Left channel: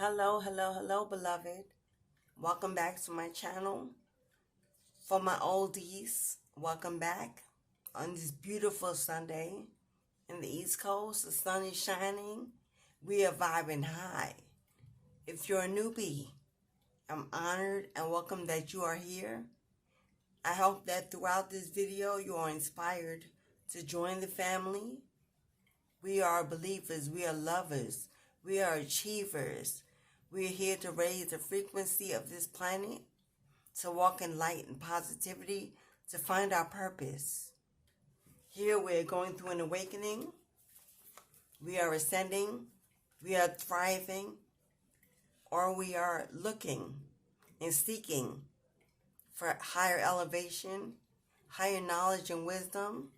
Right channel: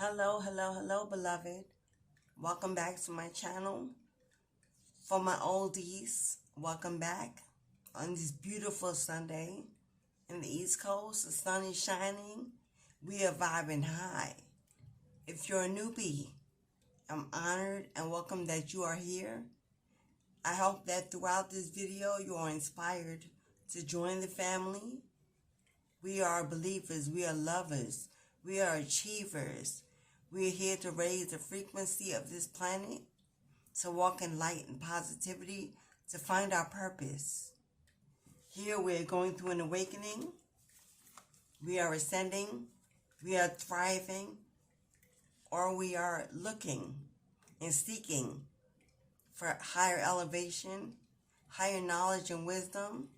Hello, beloved. Welcome back to my channel. For my oldies, welcome back on this beautiful Sunday in the East Coast. The sun is shining. We are vibing high. If you're a newbie, I'm honored and welcome that you are here. I hope that throughout this video you are inspired to join the family. We are believers. We are lovers. We are achievers. We are here to raise the frequency of this planet, to walk in light and positivity, to find our purpose. Here we are going through an awakening. We are ascending. We are thriving. Or we are looking and seeking for higher elevation, higher knowledge and wisdom,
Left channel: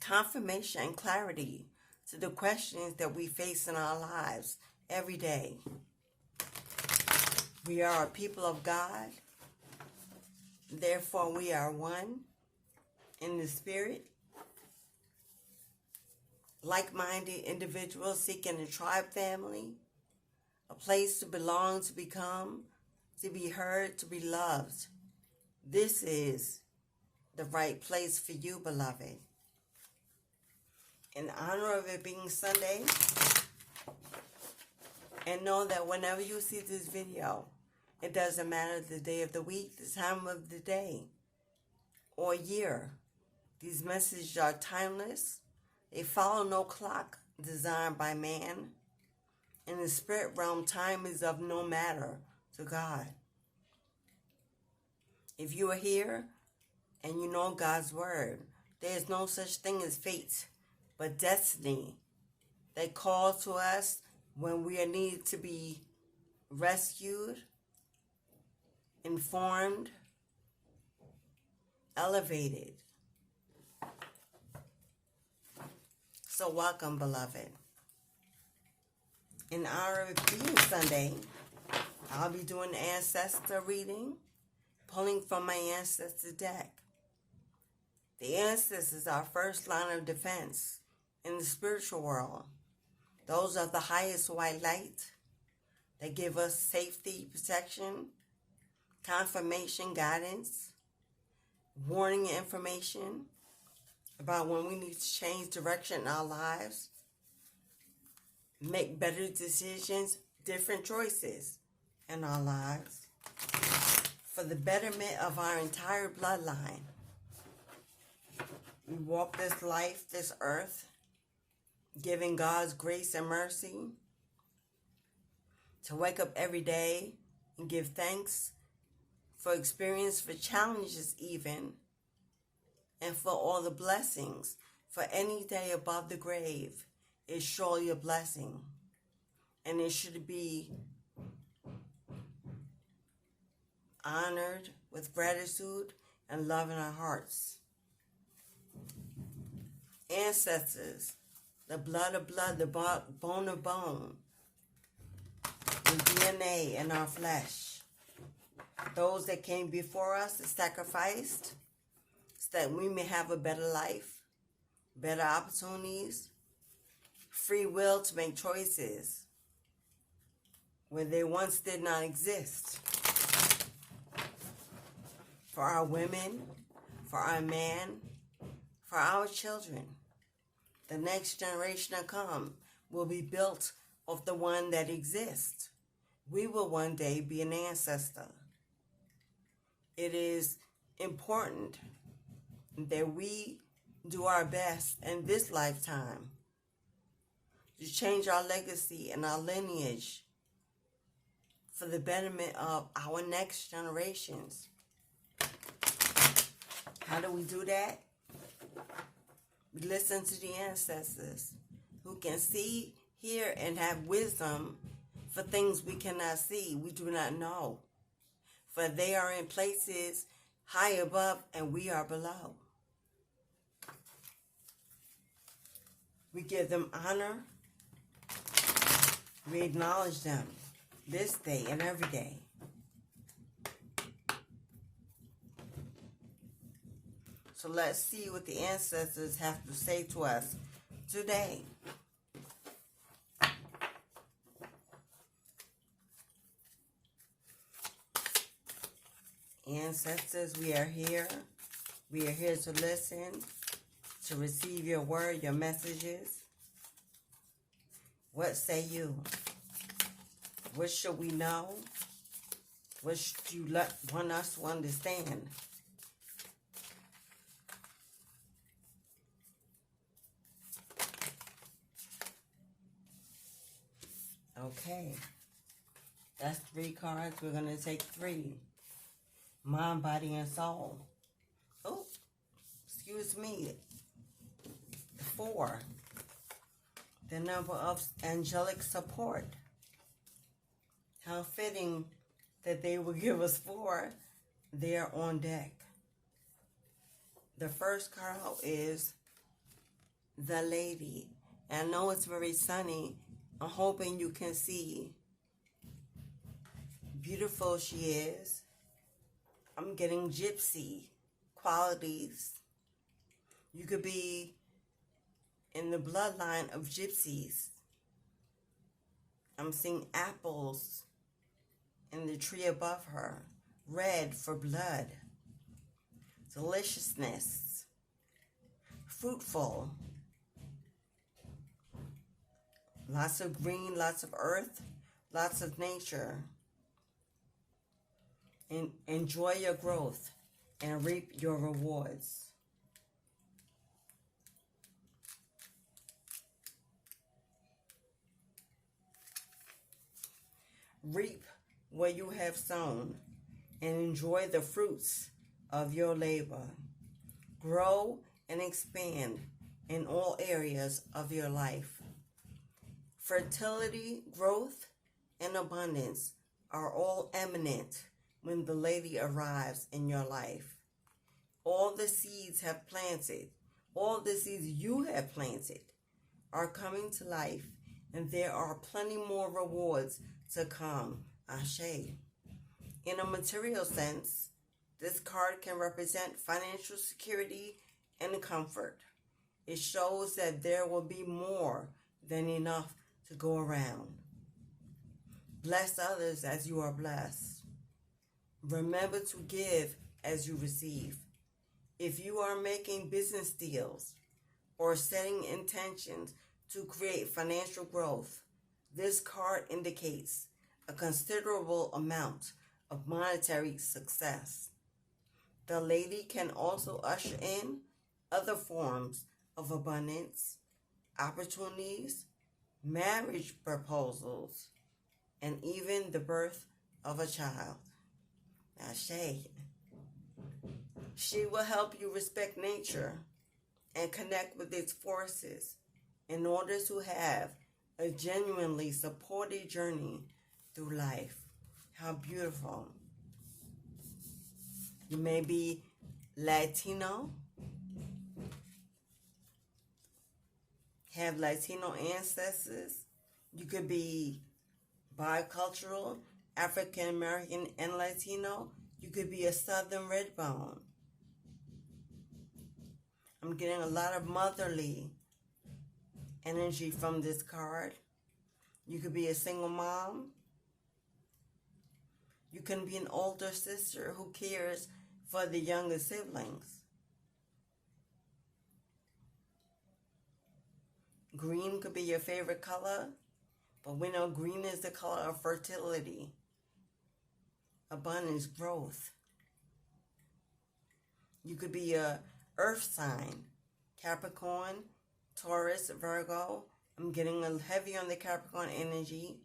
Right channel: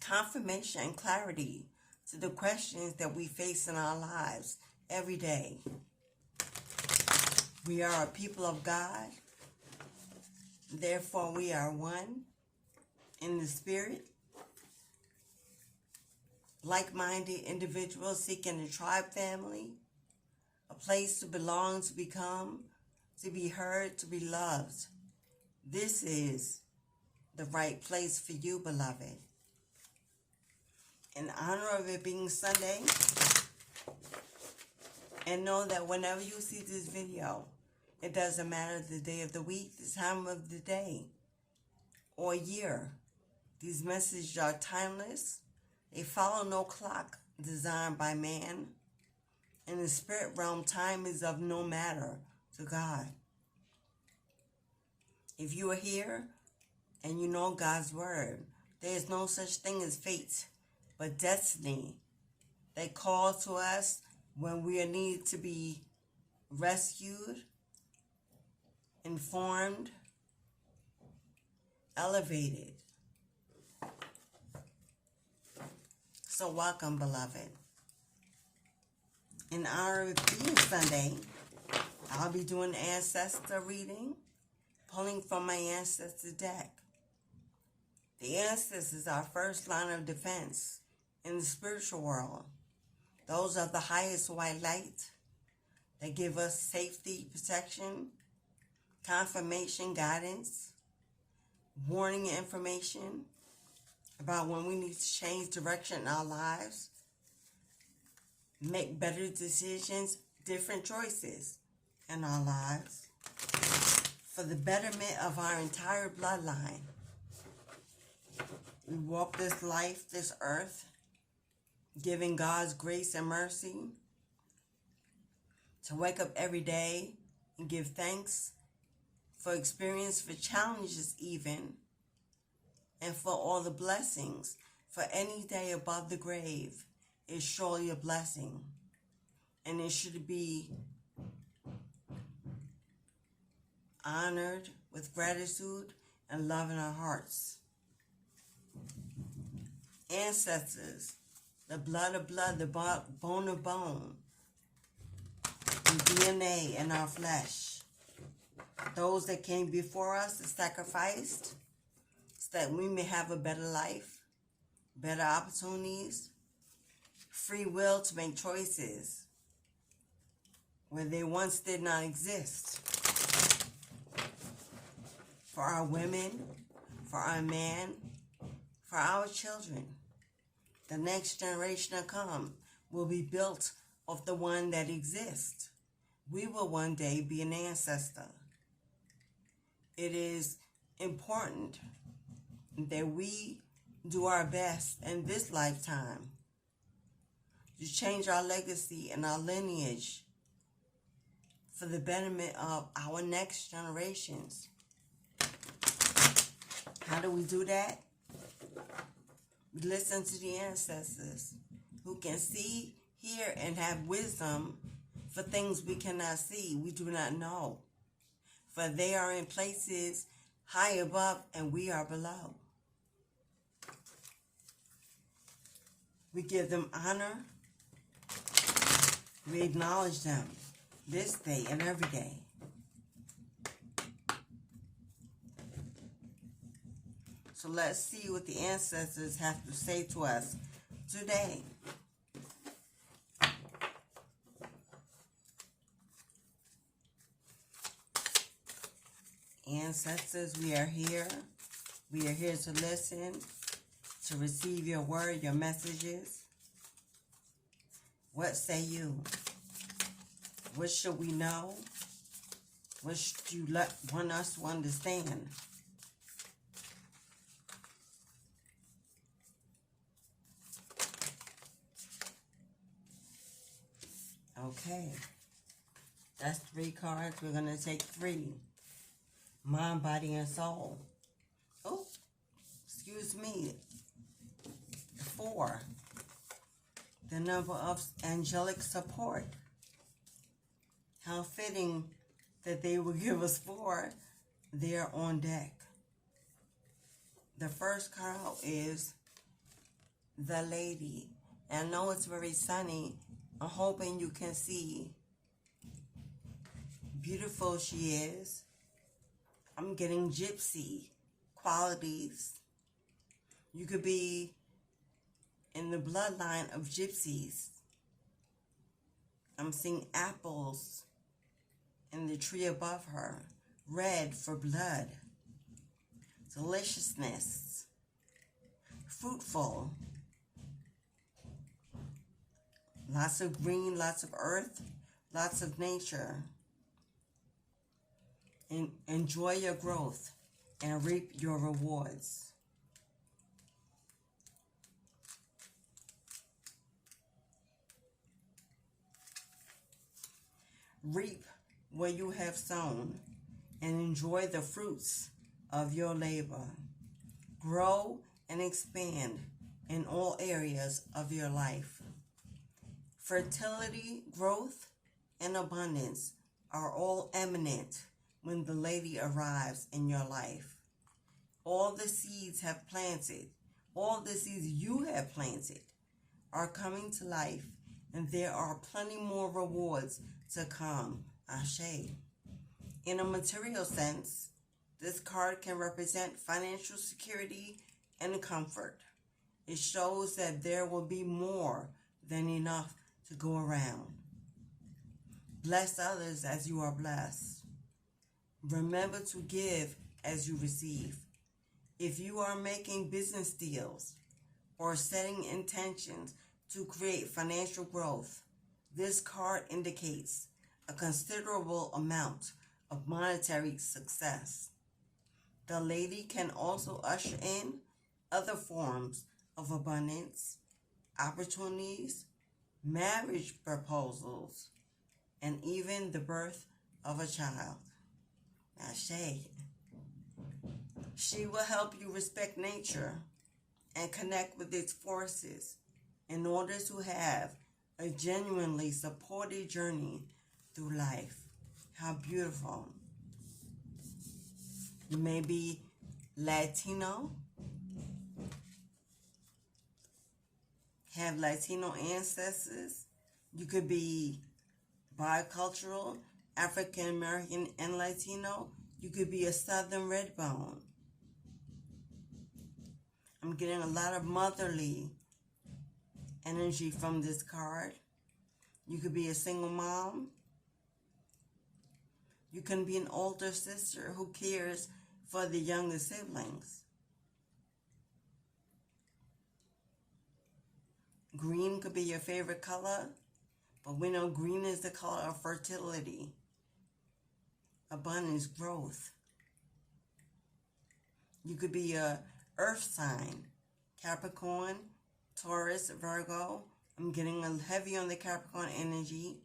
confirmation and clarity to the questions that we face in our lives every day. We are a people of God. Therefore, we are one in the spirit. Like-minded individuals seeking a tribe family, a place to belong, to become, to be heard, to be loved. This is the right place for you, beloved. In honor of it being Sunday, and know that whenever you see this video, it doesn't matter the day of the week, the time of the day, or year. These messages are timeless. They follow no clock designed by man. In the spirit realm, time is of no matter to God. If you are here and you know God's word, there is no such thing as fate, but destiny that calls to us when we are needed to be rescued, informed, elevated. So welcome, beloved. In honor of being Sunday, I'll be doing ancestor reading, pulling from my ancestor deck. The ancestors are our first line of defense in the spiritual world. Those are the highest white light that give us safety, protection, confirmation, guidance, warning information about when we need to change direction in our lives, make better decisions, different choices in our lives for the betterment of our entire bloodline. We walk this life, this earth, giving God's grace and mercy to wake up every day and give thanks for experience, for challenges even, and for all the blessings. For any day above the grave is surely a blessing, and it should be honored with gratitude and love in our hearts. Ancestors, the blood of blood, the bone of bone, the DNA in our flesh. Those that came before us and sacrificed so that we may have a better life, better opportunities, free will to make choices where they once did not exist. For our women, for our men, for our children. The next generation to come will be built of the one that exists. We will one day be an ancestor. It is important that we do our best in this lifetime to change our legacy and our lineage for the betterment of our next generations. How do we do that? We listen to the ancestors who can see, hear, and have wisdom for things we cannot see, we do not know. For they are in places high above and we are below. We give them honor. We acknowledge them this day and every day. So let's see what the ancestors have to say to us today. ancestors, we are here. We are here to listen, to receive your word, your messages. What say you? What should we know? What should you want us to understand? Okay. That's 3 cards. We're going to take 3. Mind, body, and soul. Oh, excuse me. 4. The number of angelic support. How fitting that they will give us 4 there on deck. The first card is the lady. And I know it's very sunny. I'm hoping you can see. Beautiful she is. I'm getting gypsy qualities. You could be in the bloodline of gypsies. I'm seeing apples in the tree above her. Red for blood. Deliciousness. Fruitful. Lots of green, lots of earth, lots of nature. Enjoy your growth and reap your rewards. Reap what you have sown and enjoy the fruits of your labor. Grow and expand in all areas of your life. Fertility, growth, and abundance are all eminent when the lady arrives in your life. All the seeds you have planted are coming to life, and there are plenty more rewards to come. Ashe. In a material sense, this card can represent financial security and comfort. It shows that there will be more than enough to go around. Bless others as you are blessed. Remember to give as you receive. If you are making business deals or setting intentions to create financial growth, this card indicates a considerable amount of monetary success. The lady can also usher in other forms of abundance, opportunities, marriage proposals, and even the birth of a child. Ashe. She will help you respect nature and connect with its forces in order to have a genuinely supported journey through life. How beautiful. You may be Latino, have Latino ancestors. You could be bicultural, African American and Latino. You could be a Southern red bone. I'm getting a lot of motherly energy from this card. You could be a single mom. You can be an older sister who cares for the younger siblings. Green could be your favorite color, but we know green is the color of fertility, abundance, growth. You could be a earth sign, Capricorn, Taurus, Virgo. I'm getting a heavy on the Capricorn energy.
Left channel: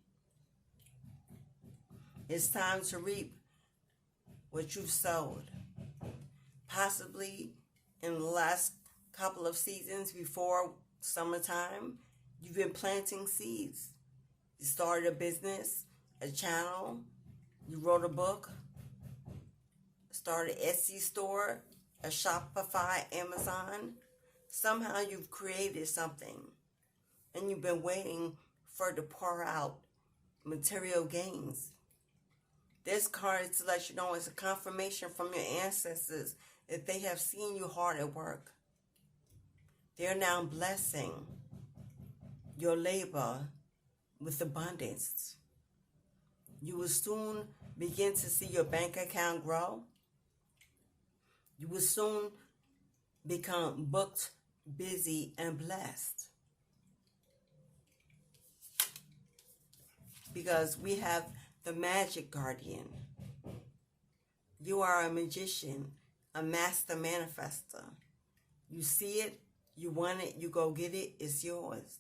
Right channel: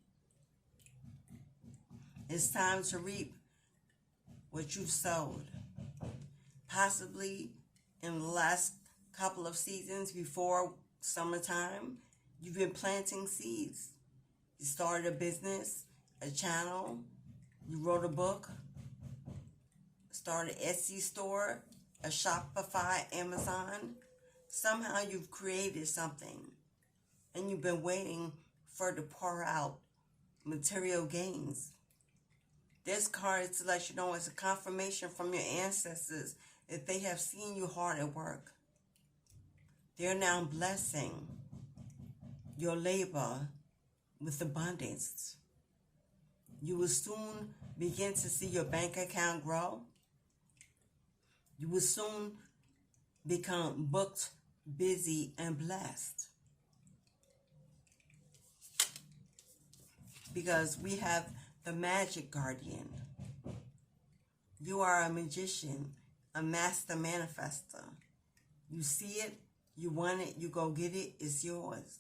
It's time to reap what you've sowed. Possibly in the last couple of seasons before summertime, you've been planting seeds. You started a business, a channel, you wrote a book, started an Etsy store, a Shopify, Amazon. Somehow you've created something and you've been waiting for it to pour out material gains. This card is to let you know it's a confirmation from your ancestors that they have seen you hard at work. They're now blessing your labor with abundance. You will soon begin to see your bank account grow You will soon become booked, busy, and blessed. Because we have the magic guardian. You are a magician, a master manifester. You see it, you want it, you go get it, it's yours.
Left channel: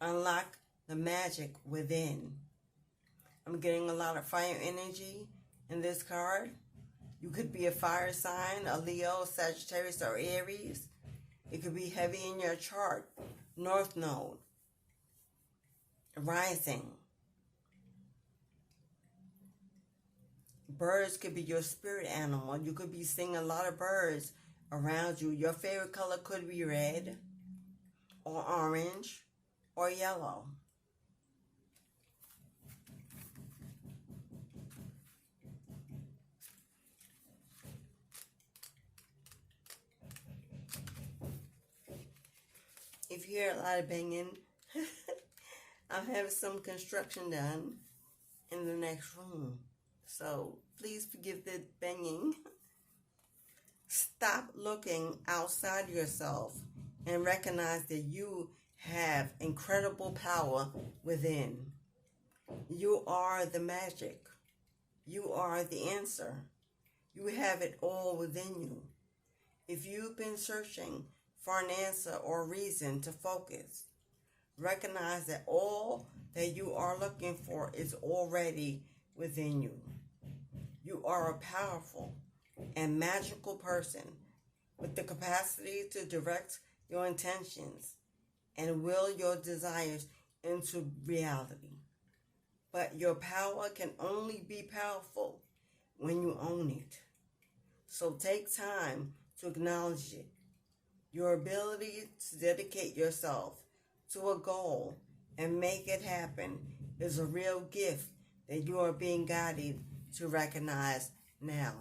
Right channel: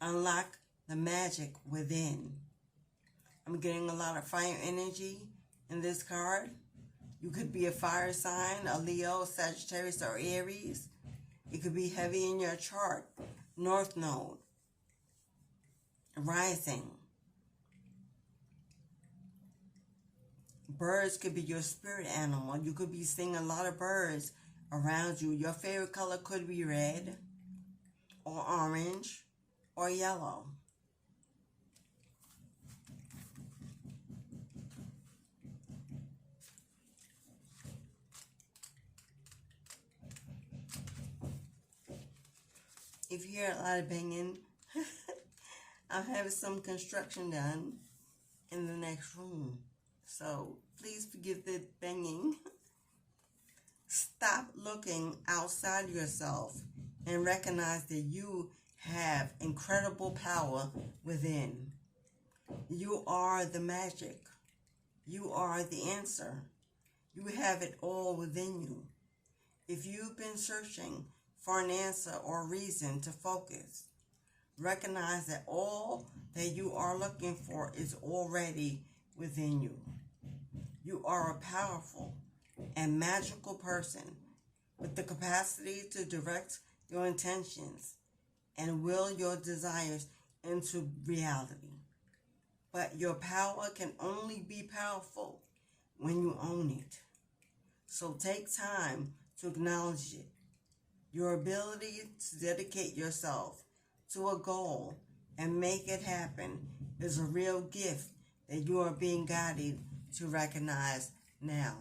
Unlock the magic within. I'm getting a lot of fire energy in this card. You could be a fire sign, a Leo, Sagittarius, or Aries. It could be heavy in your chart. North Node. Rising. Birds could be your spirit animal. You could be seeing a lot of birds around you. Your favorite color could be red or orange or yellow. If you hear a lot of banging, I'm having some construction done in the next room. So please forgive the banging. Stop looking outside yourself and recognize that you have incredible power within. You are the magic. You are the answer. You have it all within you. If you've been searching for an answer or reason to focus, recognize that all that you are looking for is already within you. You are a powerful and magical person with the capacity to direct your intentions and will your desires into reality. But your power can only be powerful when you own it. So take time to acknowledge it. Your ability to dedicate yourself to a goal and make it happen is a real gift that you are being guided to recognize now.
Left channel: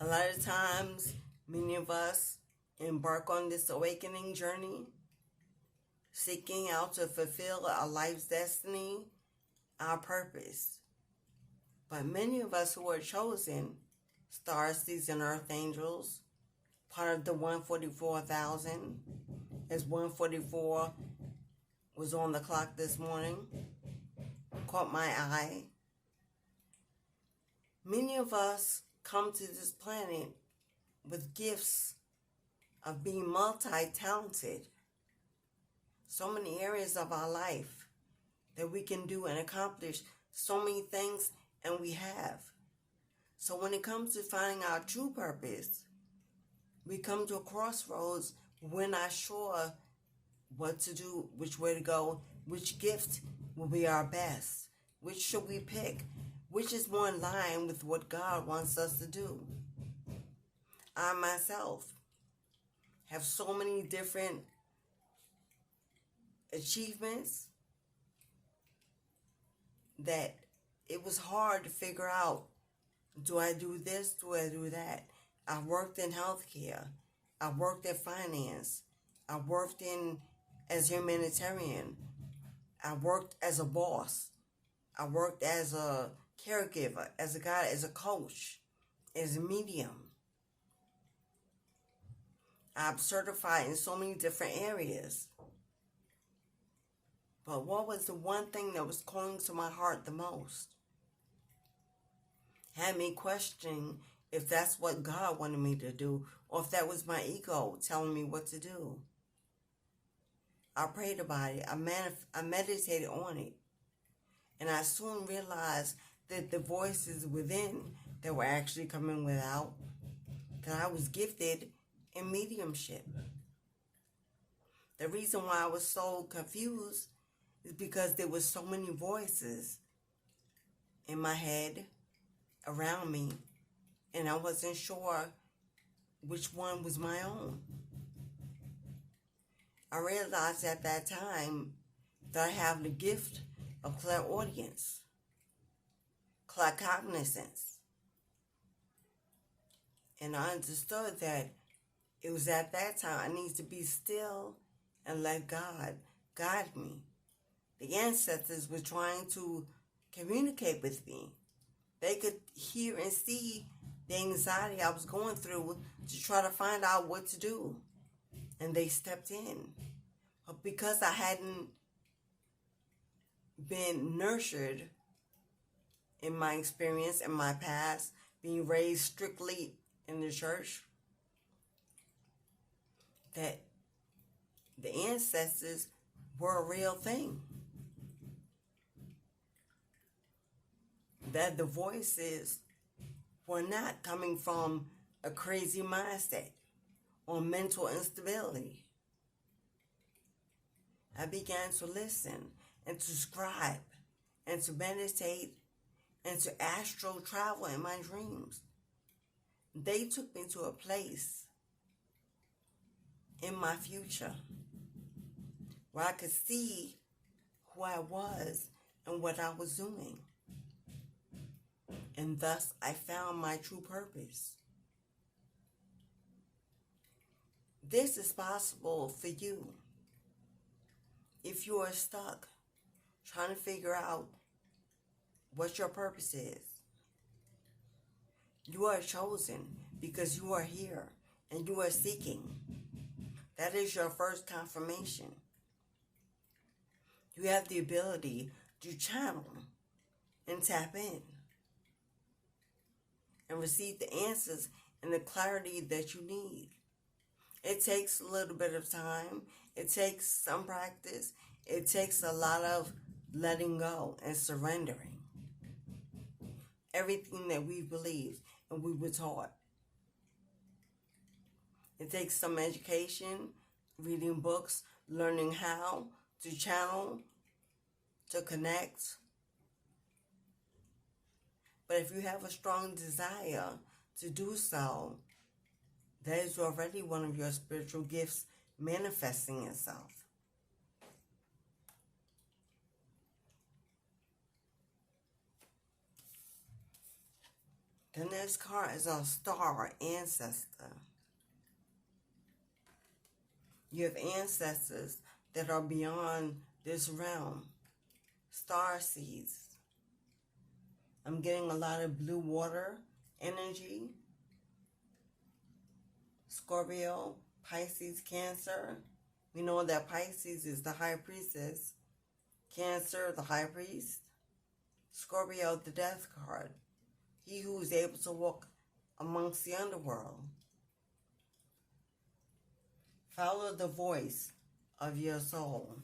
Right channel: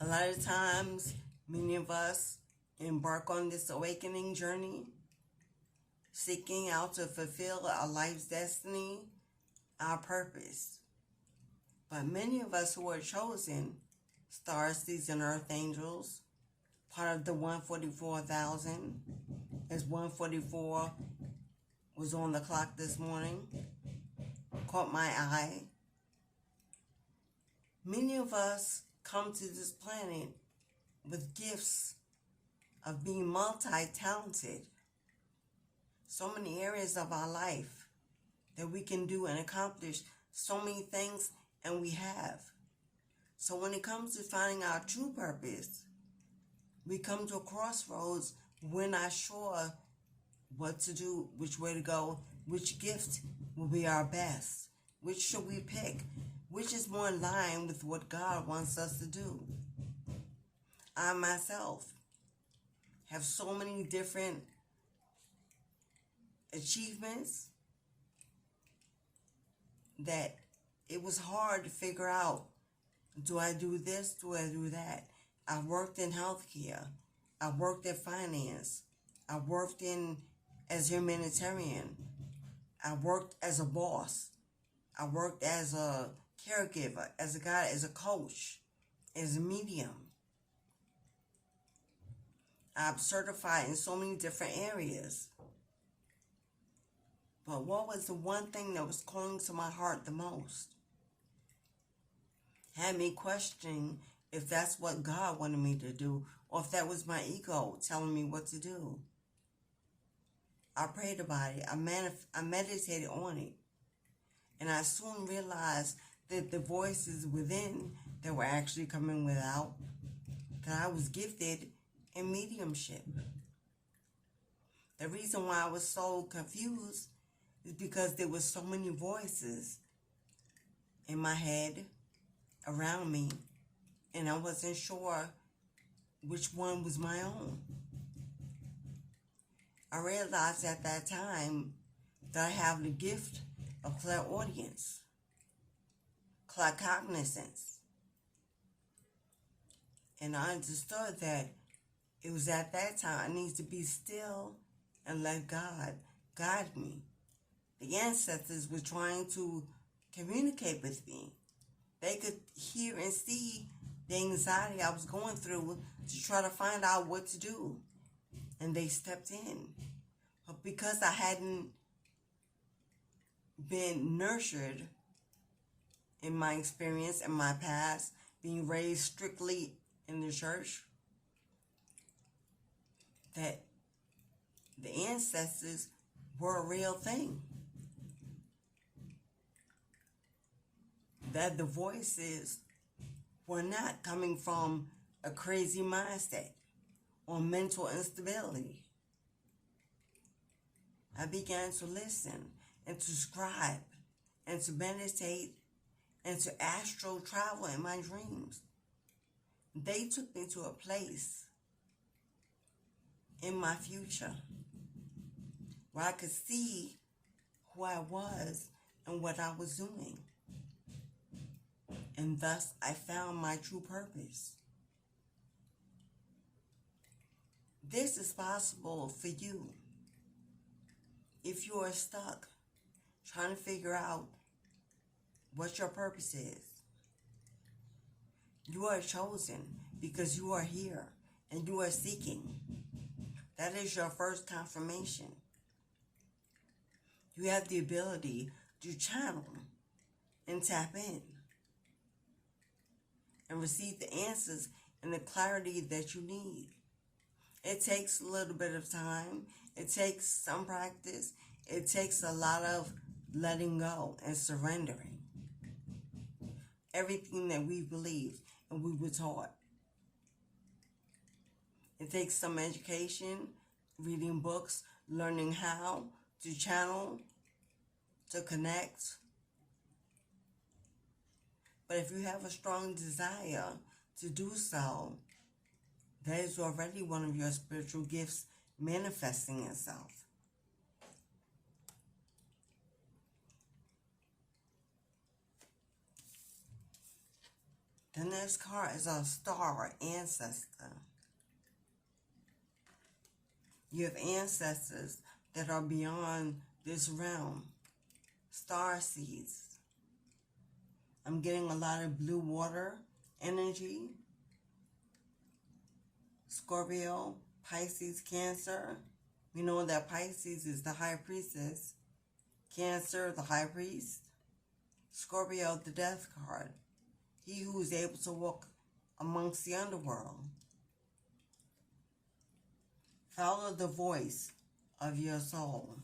A lot of times, many of us embark on this awakening journey, seeking out to fulfill our life's destiny, our purpose. But many of us who are chosen, stars, seeds, and earth angels, part of the 144,000, as 144 was on the clock this morning, caught my eye. Many of us come to this planet with gifts of being multi-talented. So many areas of our life that we can do and accomplish so many things, and we have. So when it comes to finding our true purpose, we come to a crossroads. We're not sure what to do, which way to go, which gift will be our best, which should we pick, which is more in line with what God wants us to do. I myself have so many different achievements that it was hard to figure out, do I do this, do I do that? I worked in healthcare. I worked in finance. I worked as a humanitarian. I worked as a boss. I worked as a caregiver, as a guide, as a coach, as a medium. I'm certified in so many different areas. But what was the one thing that was calling to my heart the most? Had me questioning if that's what God wanted me to do, or if that was my ego telling me what to do. I prayed about it. I meditated on it. And I soon realized that the voices within that were actually coming without, that I was gifted in mediumship. The reason why I was so confused is because there were so many voices in my head, around me, and I wasn't sure which one was my own. I realized at that time that I have the gift of clairaudience, claircognizance. And I understood that it was at that time I needed to be still and let God guide me. The ancestors were trying to communicate with me, They could hear and see the anxiety I was going through to try to find out what to do. And they stepped in. But because I hadn't been nurtured in my experience, in my past, being raised strictly in the church, that the ancestors were a real thing. That the voices were not coming from a crazy mindset or mental instability. I began to listen and to scribe and to meditate and to astral travel in my dreams. They took me to a place in my future where I could see who I was and what I was doing. And thus I found my true purpose. This is possible for you if you are stuck trying to figure out what your purpose is. You are chosen because you are here and you are seeking. That is your first confirmation. You have the ability to channel and tap in and receive the answers and the clarity that you need. It takes a little bit of time. It takes some practice. It takes a lot of letting go and surrendering everything that we believed and we were taught. It takes some education, reading books, learning how to channel, to connect. But if you have a strong desire to do so, that is already one of your spiritual gifts manifesting itself. The next card is a star ancestor. You have ancestors that are beyond this realm. Star seeds. I'm getting a lot of blue water energy. Scorpio, Pisces, Cancer. We know that Pisces is the high priestess. Cancer, the high priest. Scorpio, the death card. He who is able to walk amongst the underworld. Follow the voice of your soul.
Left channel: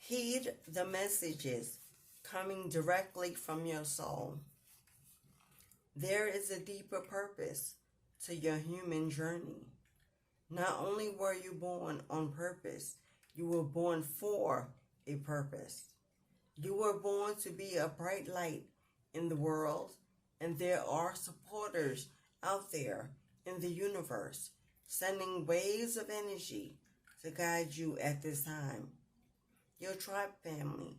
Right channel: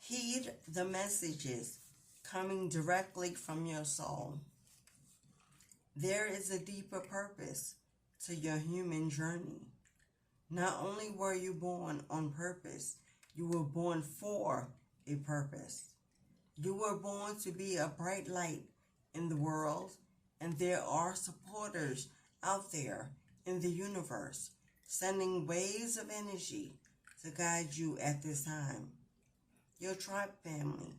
Heed the messages coming directly from your soul. There is a deeper purpose to your human journey. Not only were you born on purpose, you were born for a purpose. You were born to be a bright light in the world, and there are supporters out there in the universe sending waves of energy to guide you at this time. Your tribe family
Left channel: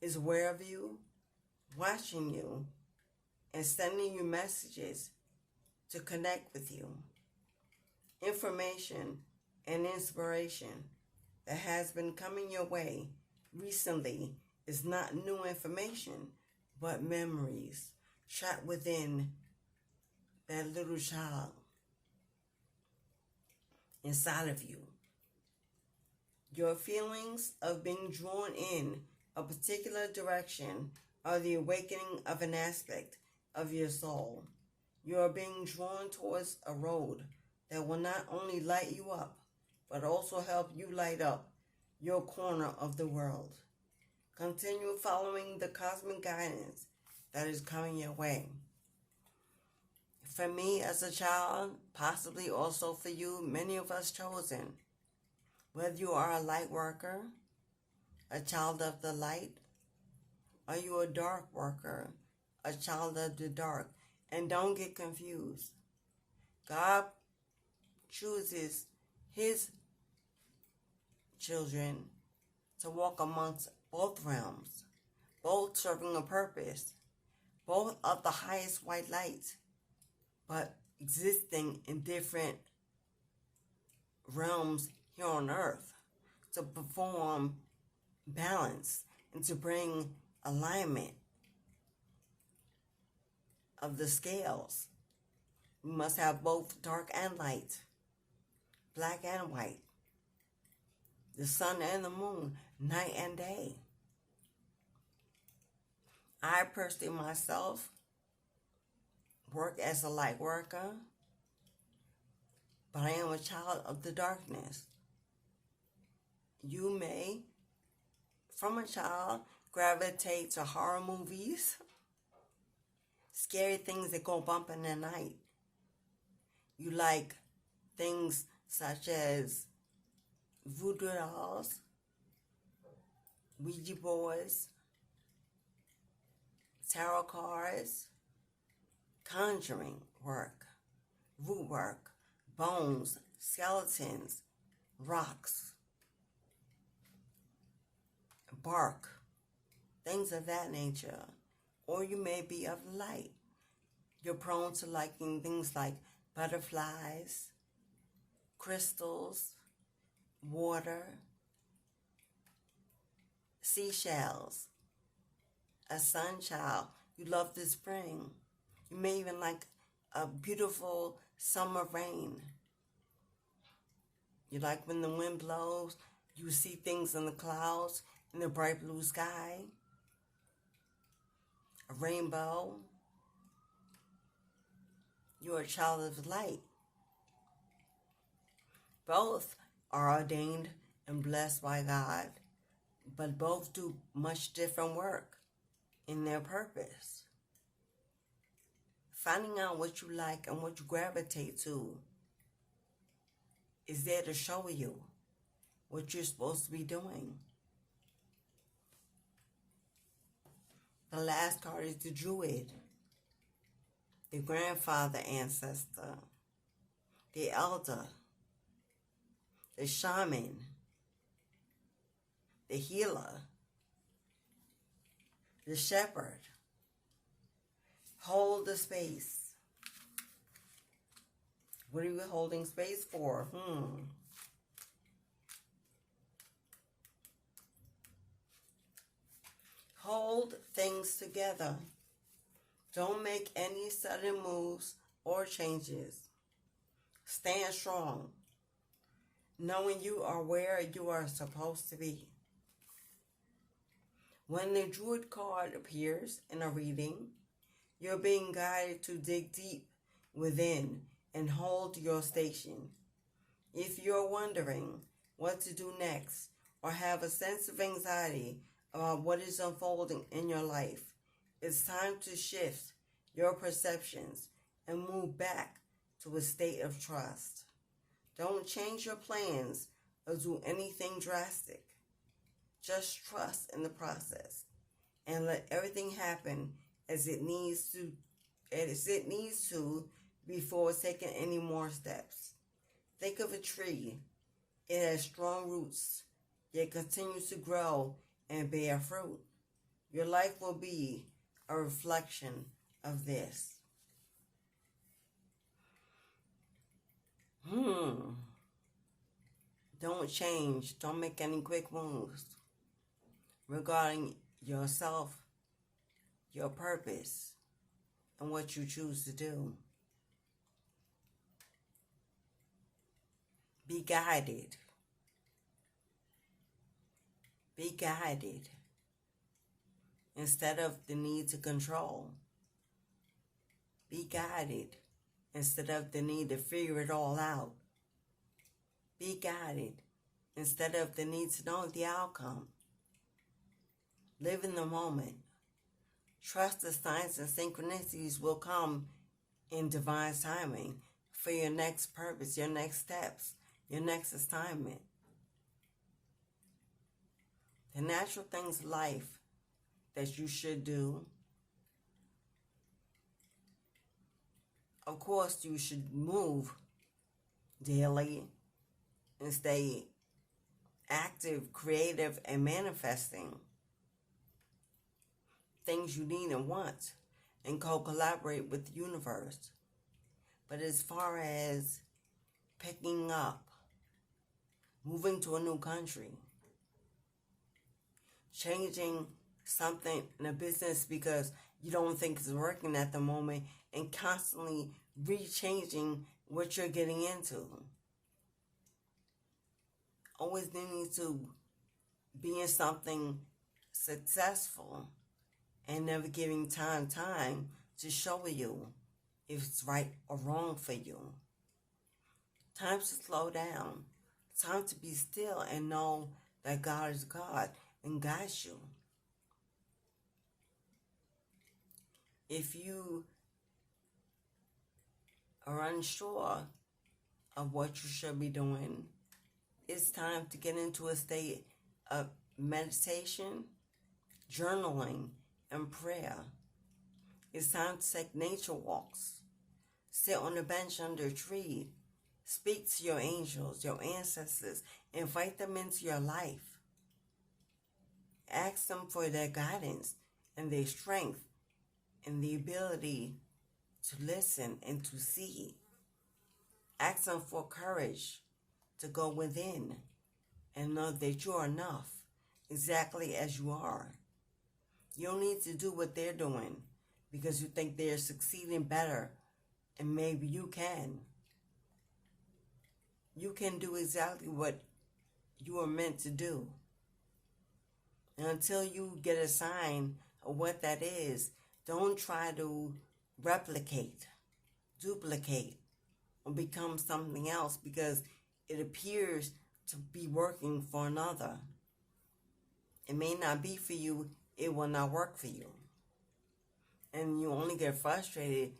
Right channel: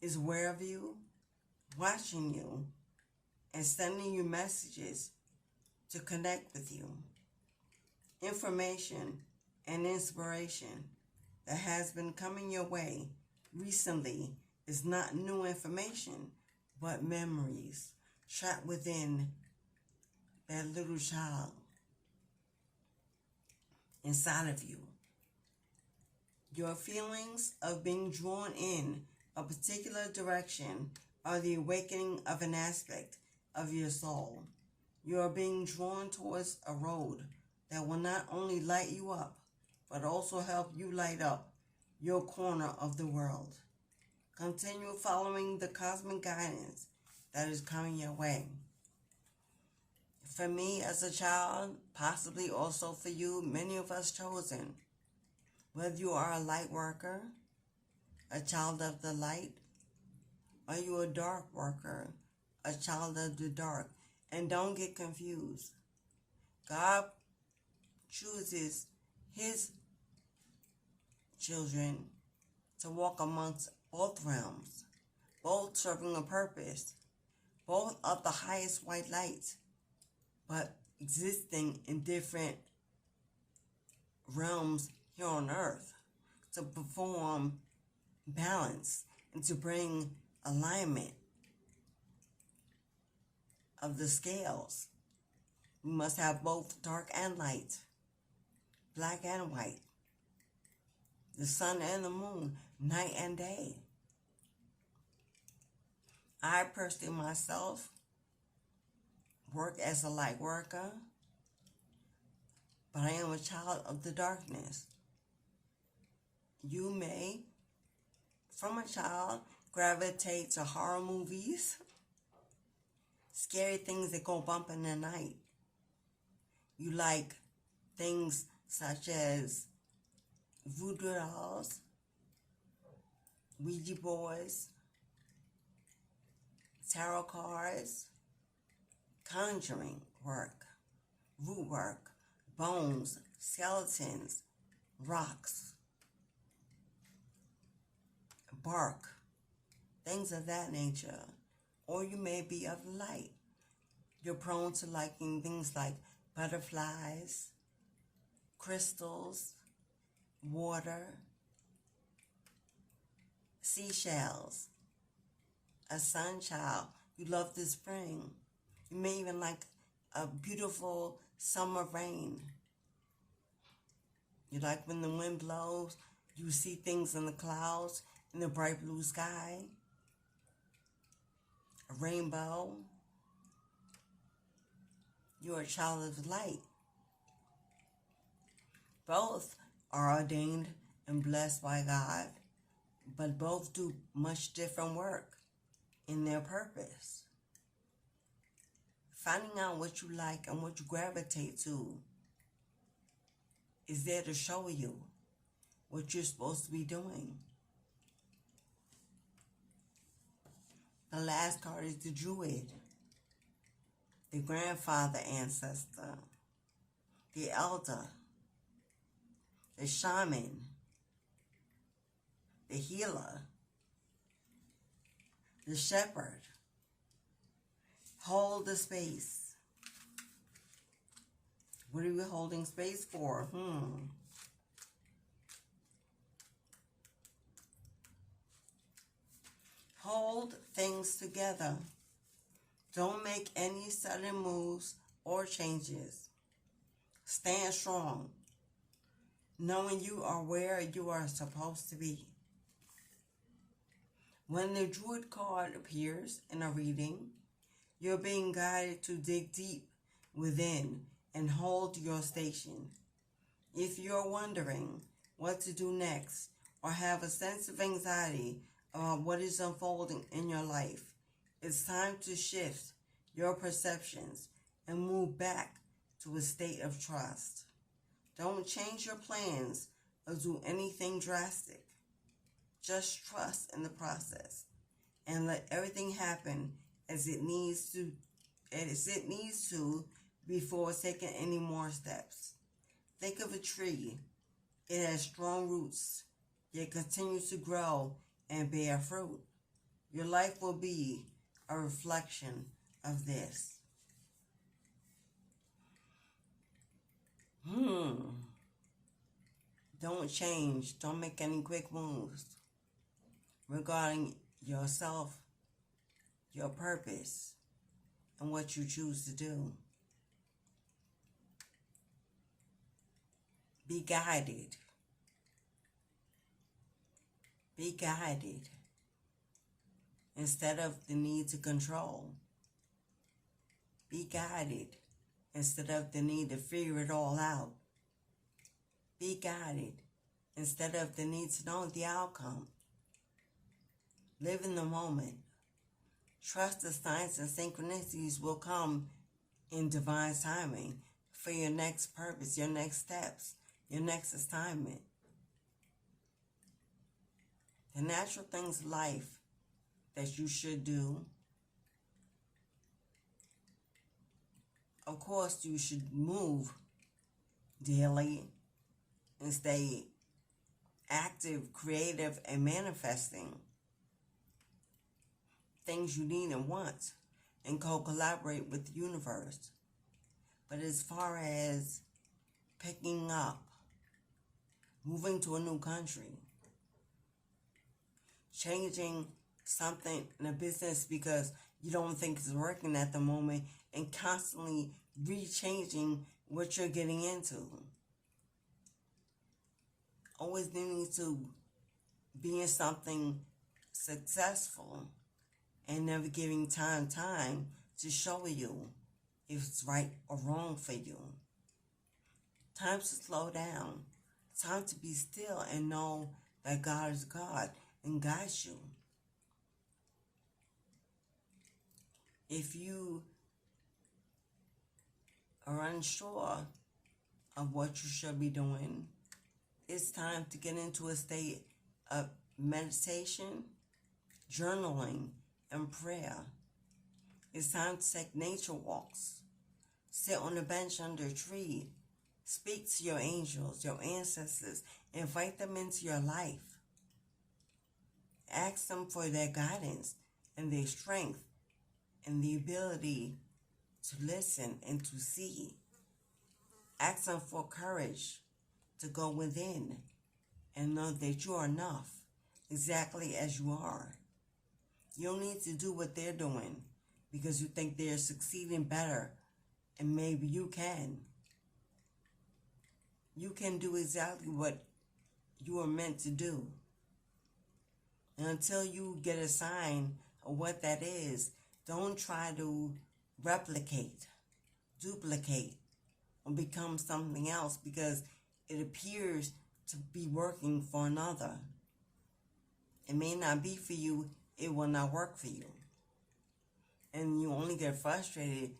is aware of you, watching you, and sending you messages to connect with you. Information and inspiration that has been coming your way recently is not new information, but memories trapped within that little child inside of you. Your feelings of being drawn in a particular direction are the awakening of an aspect of your soul. You are being drawn towards a road that will not only light you up, but also help you light up your corner of the world. Continue following the cosmic guidance that is coming your way. For me as a child, possibly also for you, many of us chosen, whether you are a light worker, a child of the light, are you a dark worker, a child of the dark? And don't get confused. God chooses his children to walk amongst both realms, both serving a purpose, both of the highest white light. But existing in different realms here on earth to perform balance and to bring alignment of the scales. We must have both dark and light, black and white, the sun and the moon, night and day. I personally myself work as a light worker, but I am a child of the darkness. You may, from a child, gravitate to horror movies, scary things that go bump in the night. You like things such as voodoo dolls, Ouija boards, tarot cards, conjuring work, root work, bones, skeletons, rocks, bark, things of that nature. Or you may be of light. You're prone to liking things like butterflies, crystals, water, seashells, a sun child. You love the spring. You may even like a beautiful summer rain. You like when the wind blows, you see things in the clouds, in the bright blue sky, a rainbow. You're a child of light. Both are ordained and blessed by God, but both do much different work in their purpose. Finding out what you like and what you gravitate to is there to show you what you're supposed to be doing. The last card is the Druid, the grandfather ancestor, the elder, the shaman, the healer, the shepherd. Hold the space. What are you holding space for? Hold things together. Don't make any sudden moves or changes. Stand strong, knowing you are where you are supposed to be. When the Druid card appears in a reading, you're being guided to dig deep within and hold your station. If you're wondering what to do next or have a sense of anxiety about what is unfolding in your life, it's time to shift your perceptions and move back to a state of trust. Don't change your plans or do anything drastic. Just trust in the process and let everything happen as it needs to before taking any more steps. Think of a tree. It has strong roots, yet continues to grow and bear fruit. Your life will be a reflection of this. Don't change. Don't make any quick moves regarding yourself, your purpose, and what you choose to do. Be guided. Be guided instead of the need to control. Be guided instead of the need to figure it all out. Be guided instead of the need to know the outcome. Live in the moment. Trust the signs and synchronicities will come in divine timing for your next purpose, your next steps, your next assignment. The natural things of life that you should do. Of course, you should move daily and stay active, creative, and manifesting things you need and want, and co-collaborate with the universe. But as far as picking up, moving to a new country, changing something in a business because you don't think it's working at the moment, and constantly rechanging what you're getting into. Always needing to be in something successful and never giving time to show you if it's right or wrong for you. Time to slow down. Time to be still and know that God is God and guides you. If you are unsure of what you should be doing, it's time to get into a state of meditation, journaling, and prayer. It's time to take nature walks. Sit on a bench under a tree. Speak to your angels, your ancestors. Invite them into your life. Ask them for their guidance and their strength and the ability to listen and to see. Ask them for courage to go within and know that you are enough exactly as you are. You don't need to do what they're doing because you think they're succeeding better, and maybe you can. You can do exactly what you are meant to do. And until you get a sign of what that is, don't try to replicate, duplicate, or become something else because it appears to be working for another. It may not be for you, it will not work for you. And you only get frustrated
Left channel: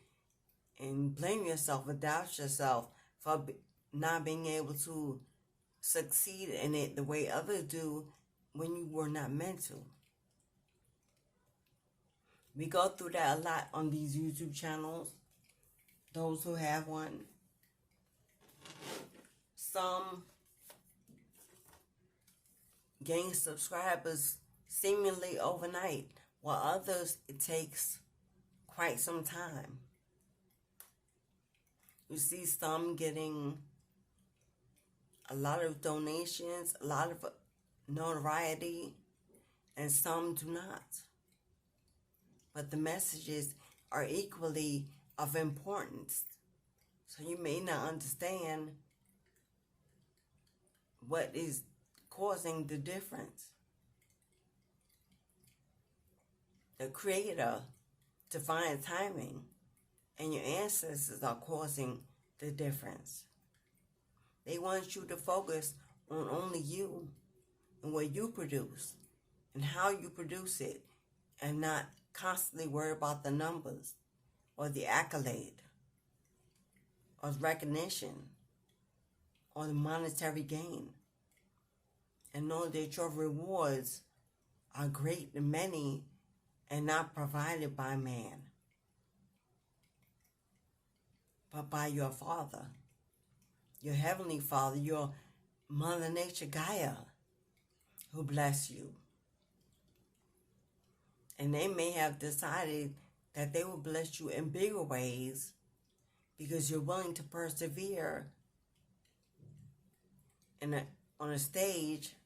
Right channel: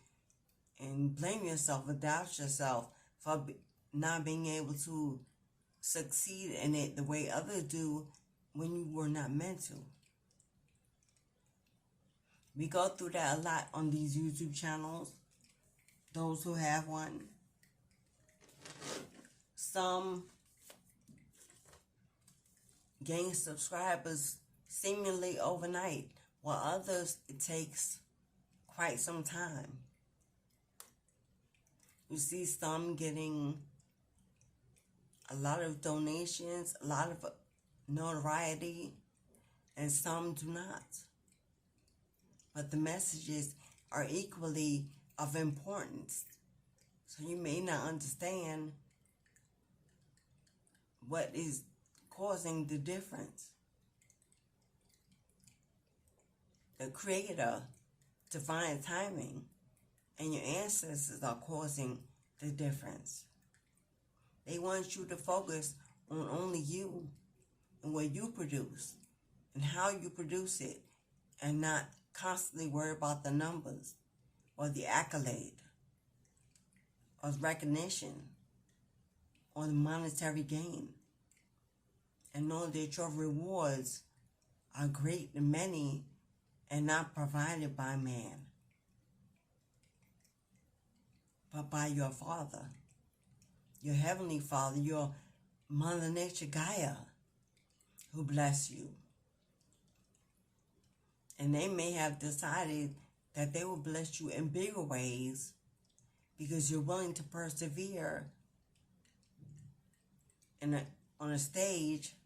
and blame yourself or doubt yourself for not being able to succeed in it the way others do when you were not meant to. We go through that a lot on these YouTube channels, those who have one. Some gain subscribers seemingly overnight, while others it takes quite some time. You see some getting a lot of donations, a lot of notoriety, and some do not. But the messages are equally of importance. So you may not understand what is causing the difference. The Creator, divine timing, and your ancestors are causing the difference. They want you to focus on only you and what you produce and how you produce it, and not constantly worry about the numbers or the accolade or recognition or the monetary gain. And know that your rewards are great and many and not provided by man, but by your Father, your Heavenly Father, your Mother Nature Gaia, who bless you. And they may have decided that they will bless you in bigger ways because you're willing to persevere on a stage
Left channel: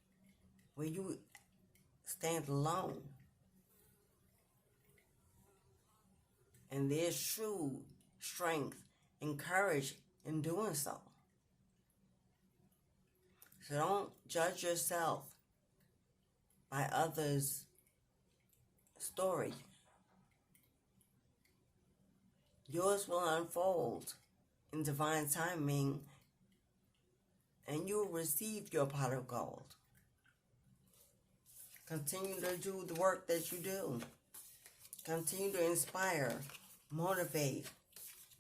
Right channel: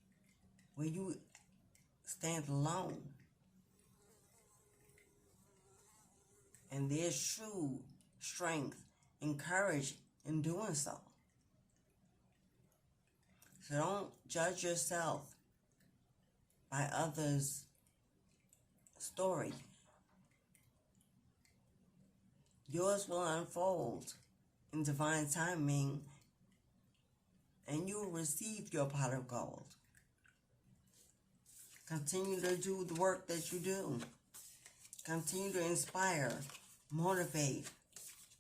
where you stand alone. And there's true strength and courage in doing so. So don't judge yourself by others' story. Yours will unfold in divine timing, and you will receive your pot of gold. Continue to do the work that you do. Continue to inspire, motivate,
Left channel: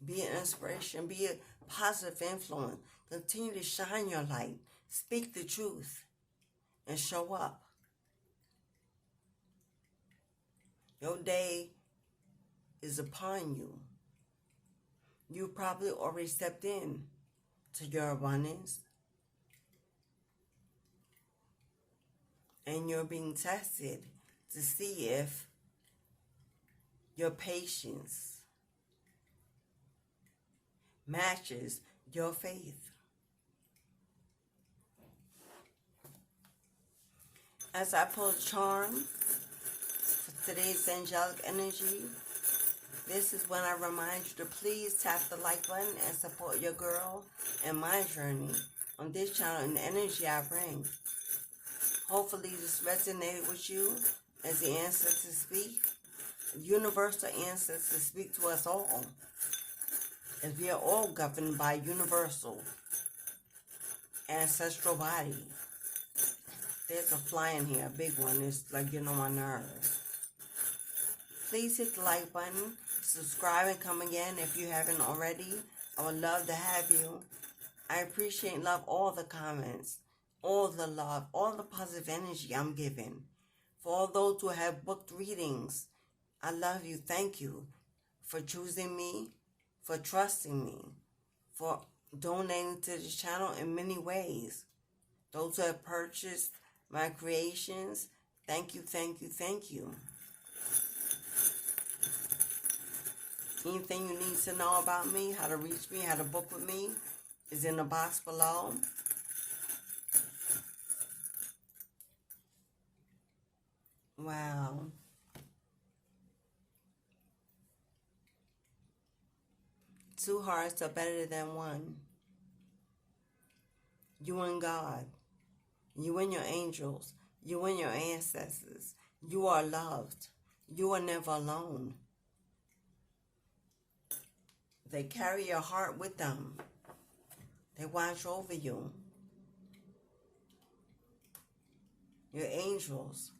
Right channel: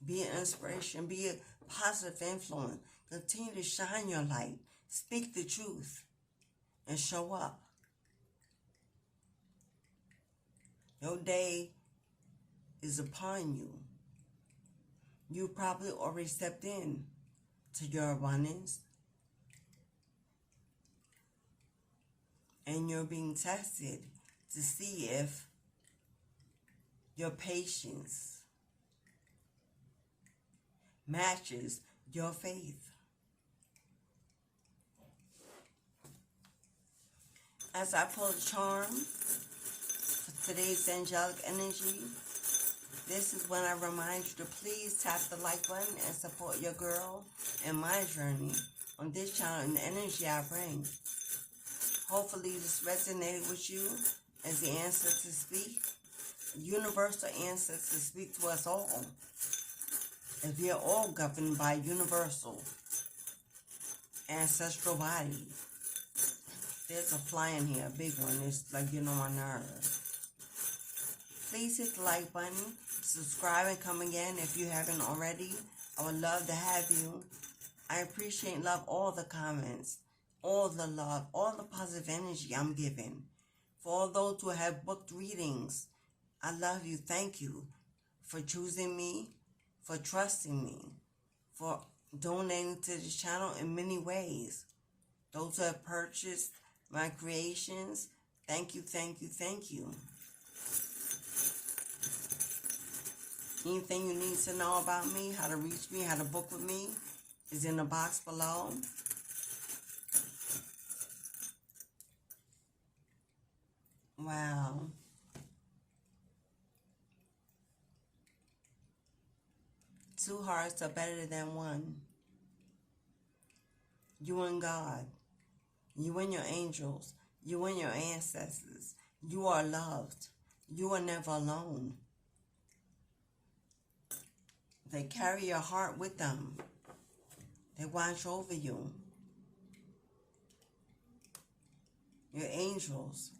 be an inspiration, be a positive influence. Continue to shine your light, speak the truth, and show up. Your day is upon you. You probably already stepped in to your abundance, and you're being tested to see if your patience, matches your faith. As I pull the charm for today's angelic energy, this is when I remind you to please tap the like button and support your girl and my journey on this channel and the energy I bring. Hopefully this resonated with you as the ancestors speak. Universal ancestors speak to us all, as we are all governed by universal ancestral bodies. There's a fly in here, a big one. It's like getting on my nerves. Please hit the like button, subscribe, and come again if you haven't already. I would love to have you. I appreciate and love all the comments, all the love, all the positive energy I'm giving. For all those who have booked readings, I love you. Thank you for choosing me, for trusting me, for donating to this channel in many ways. Those who have purchased my creations, thank you, thank you, thank you. Anything you need to know about me, how to reach me, how to book with me, is in the box below. Wow. Two hearts are better than one. You and God. You and your angels. You and your ancestors. You are loved. You are never alone. They carry your heart with them. They watch over you. Your angels.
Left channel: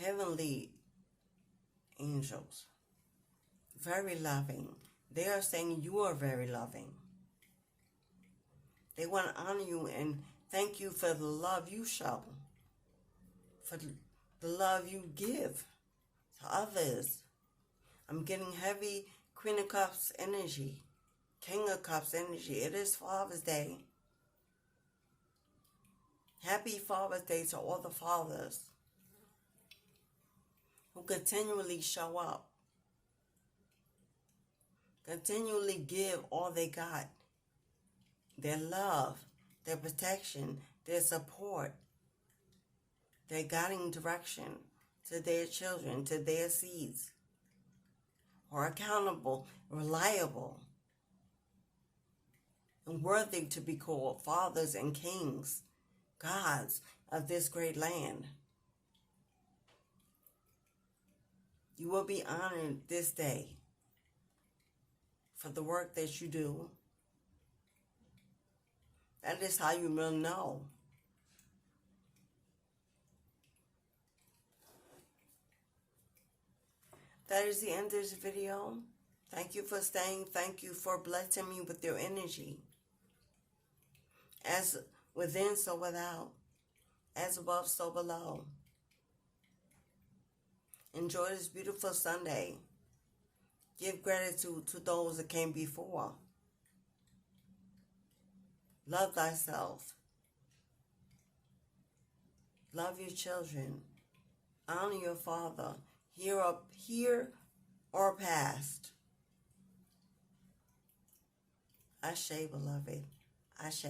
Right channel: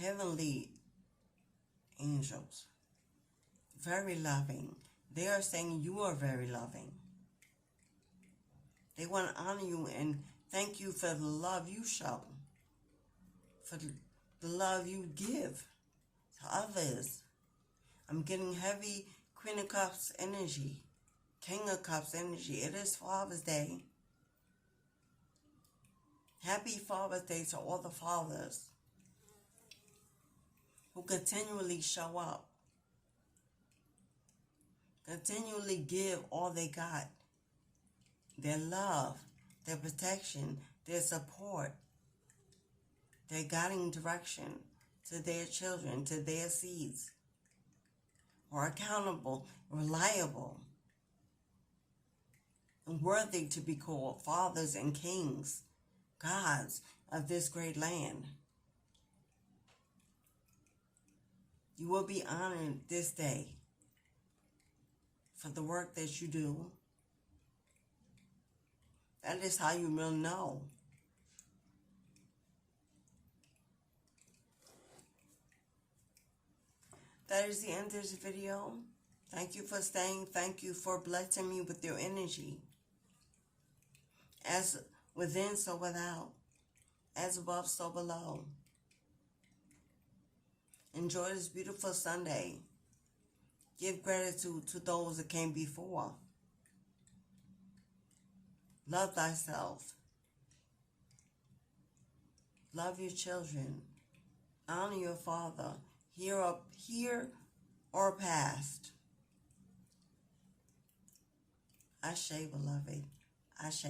Heavenly angels. Very loving. They are saying you are very loving. They want to honor you and thank you for the love you show, for the love you give to others. I'm getting heavy Queen of Cups energy, King of Cups energy. It is Father's Day. Happy Father's Day to all the fathers who continually show up, continually give all they got. Their love, their protection, their support, their guiding direction to their children, to their seeds, are accountable, reliable, and worthy to be called fathers and kings, gods of this great land. You will be honored this day for the work that you do. That is how you will know. That is the end of this video. Thank you for staying. Thank you for blessing me with your energy. As within, so without. As above, so below. Enjoy this beautiful Sunday. Give gratitude to those that came before. Love thyself. Love your children. Honor your father. Here or past. Ashe, beloved. Ashe.